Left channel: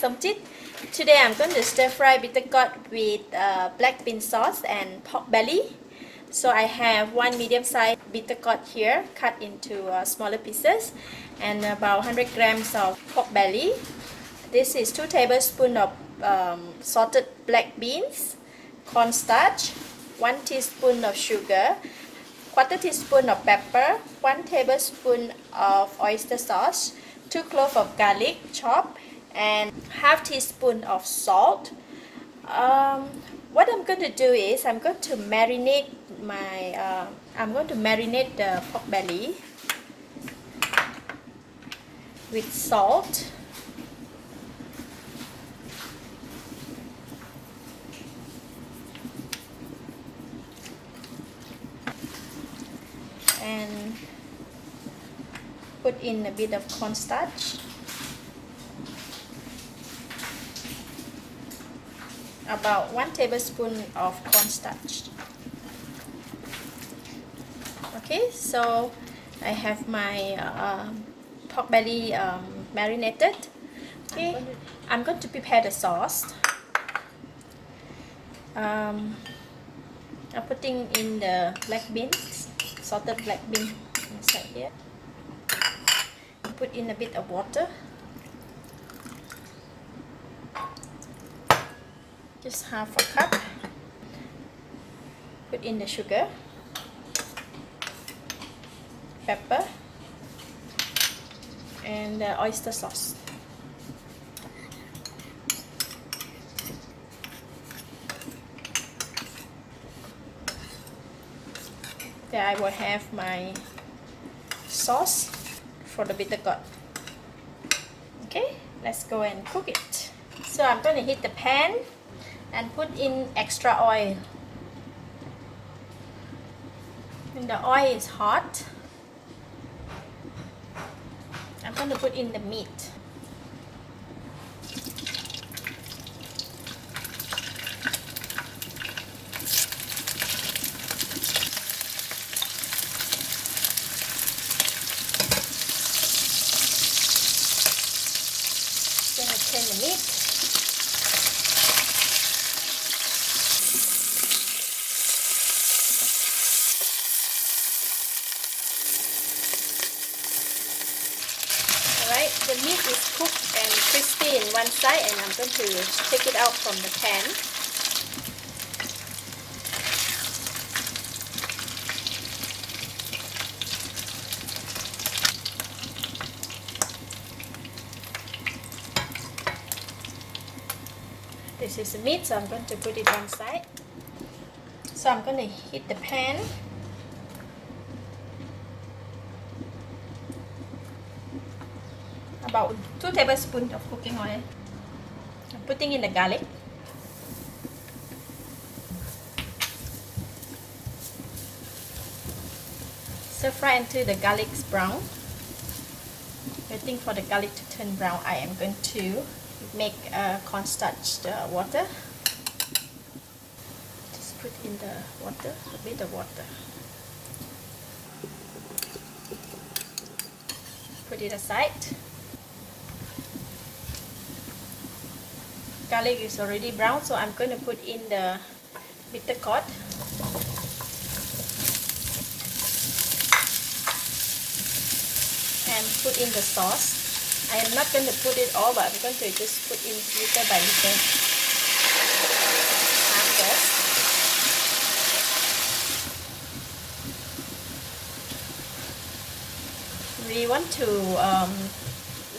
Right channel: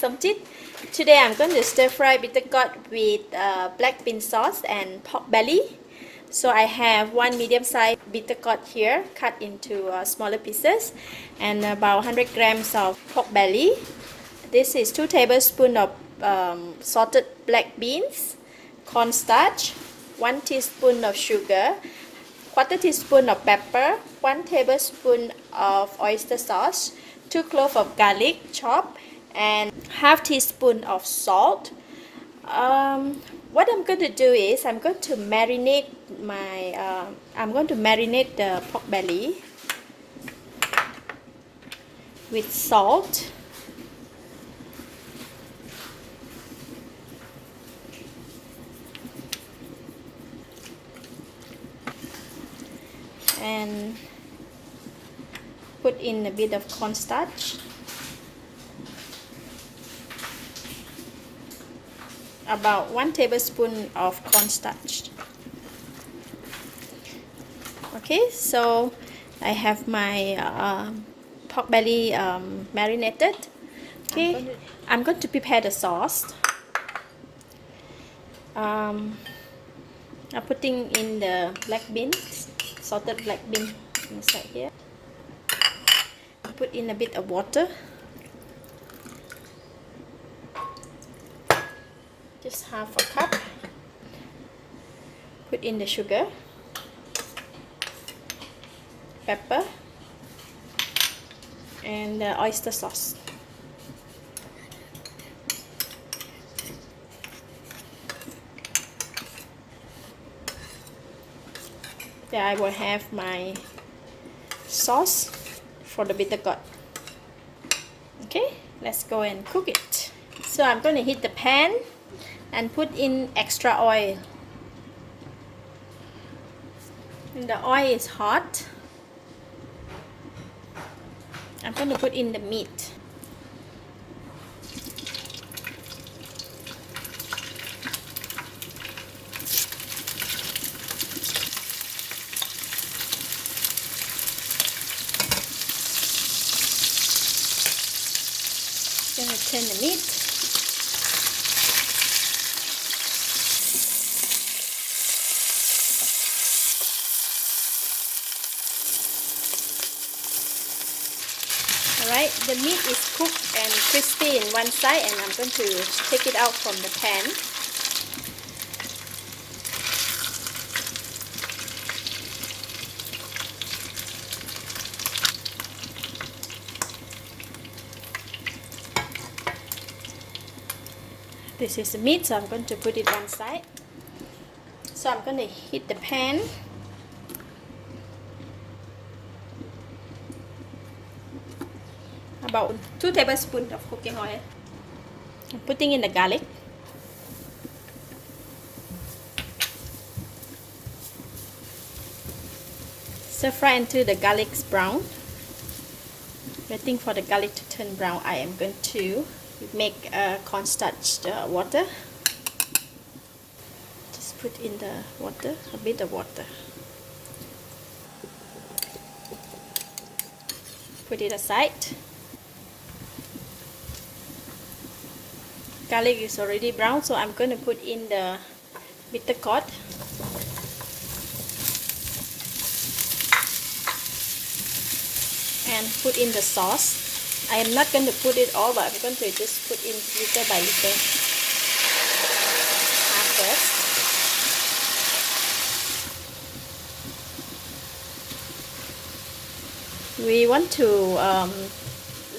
Somjit. Today I'm going to stir fry bitter gourd with black bean sauce and pork belly. So I have one medium sized bitter gourd here cut into smaller pieces and about 100 grams of pork belly. This is 2 tablespoons of salted black beans, cornstarch, 1 teaspoon of sugar, 1/4 teaspoon of pepper, 1 tablespoon of oyster sauce, 2 cloves of garlic chopped, and 1/2 teaspoon of salt. What I'm going to do is I'm going to marinate the pork belly with salt, and put in a bit of cornstarch, about 1 tablespoon of cornstarch. Okay, so I have my pork belly marinated. Okay, I'm going to prepare the sauce. I'm putting in the black beans, salted black bean inside here. Put in a bit of water, just 1/2 cup. Put in the sugar, pepper, and the oyster sauce. There I will have my sauce for the bitter gourd. Okay, let's go and cook it. So I'm going to heat the pan and put in extra oil. When the oil is hot, I'm going to put in the meat. I'm going to turn the meat. Alright, the meat is cooked and crispy in one side, and I'm going to take it out from the pan. This is the meat, so I'm going to put it one side. So I'm going to heat the pan. About 2 tablespoons of cooking oil. I'm putting in the garlic. Stir fry until the garlic is brown. Waiting for the garlic to turn brown, I am going to make cornstarch water. Just put in the water, a bit of water. Put it aside. Garlic is already brown, so I'm going to put in the bitter gourd. And put in the sauce. I am not going to put it all, but I'm going to just put in little by little at first. We want to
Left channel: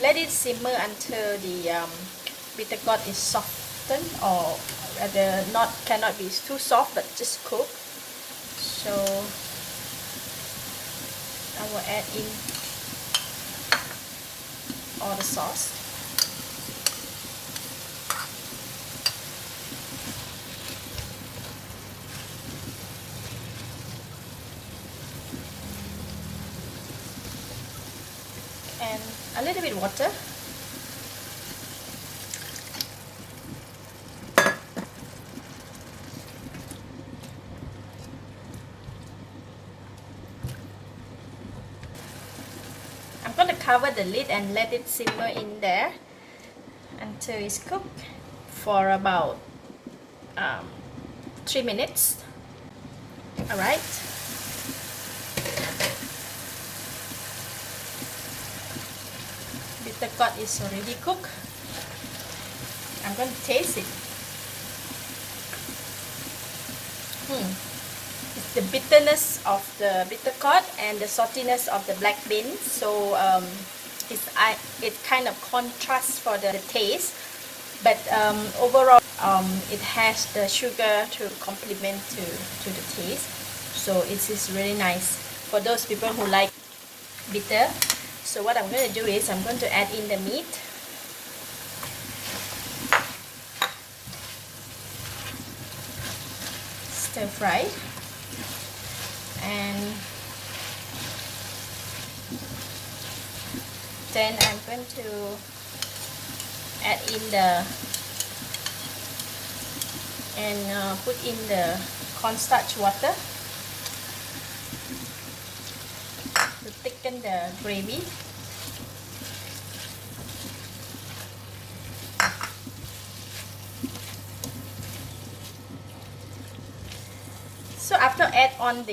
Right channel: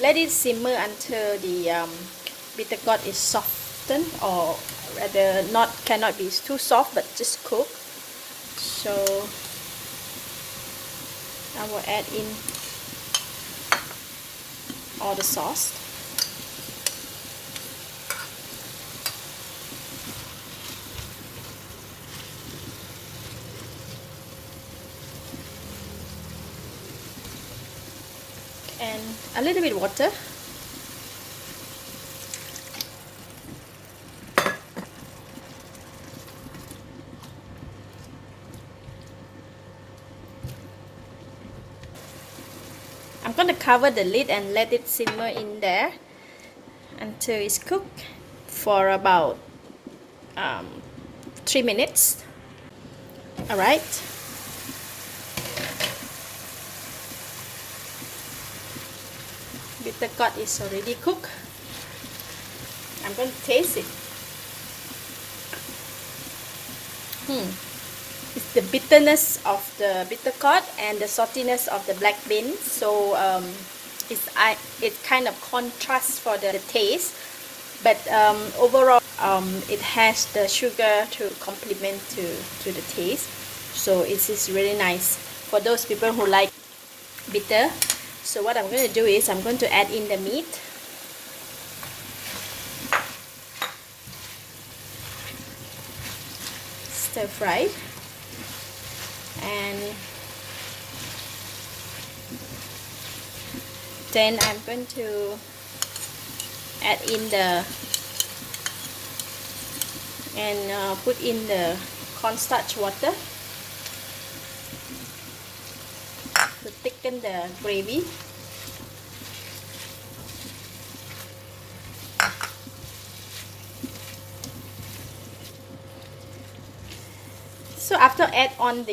let it simmer until the bitter gourd is softened, or rather cannot be too soft, but just cook. So I will add in all the sauce. And a little bit water. I'm going to cover the lid and let it simmer in there until it's cooked for about 3 minutes. Alright. Bitter gourd is already cooked. I'm going to taste it. It's the bitterness of the bitter gourd and the saltiness of the black bean. So it kind of contrasts for the taste, but overall it has the sugar to complement to the taste. So it is really nice for those people who like bitter. So what I'm going to do is I'm going to add in the meat. Stir fry. And then I'm going to add in put in the cornstarch water to thicken the gravy. So after add on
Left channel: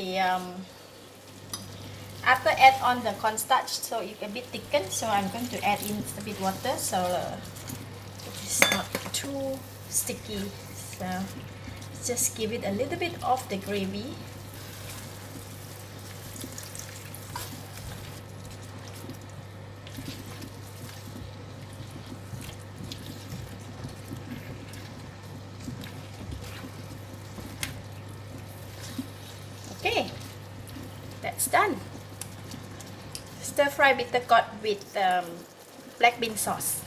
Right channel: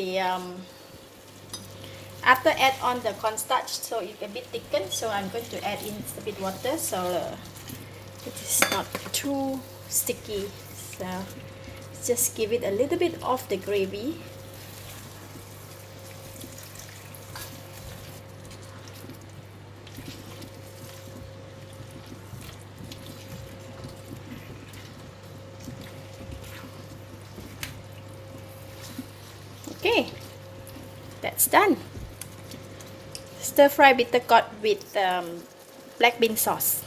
the cornstarch, so it's a bit thickened. So I'm going to add in a bit water so it is not too sticky. So just give it a little bit of the gravy. Okay, that's done. Stir fry bitter gourd with black bean sauce.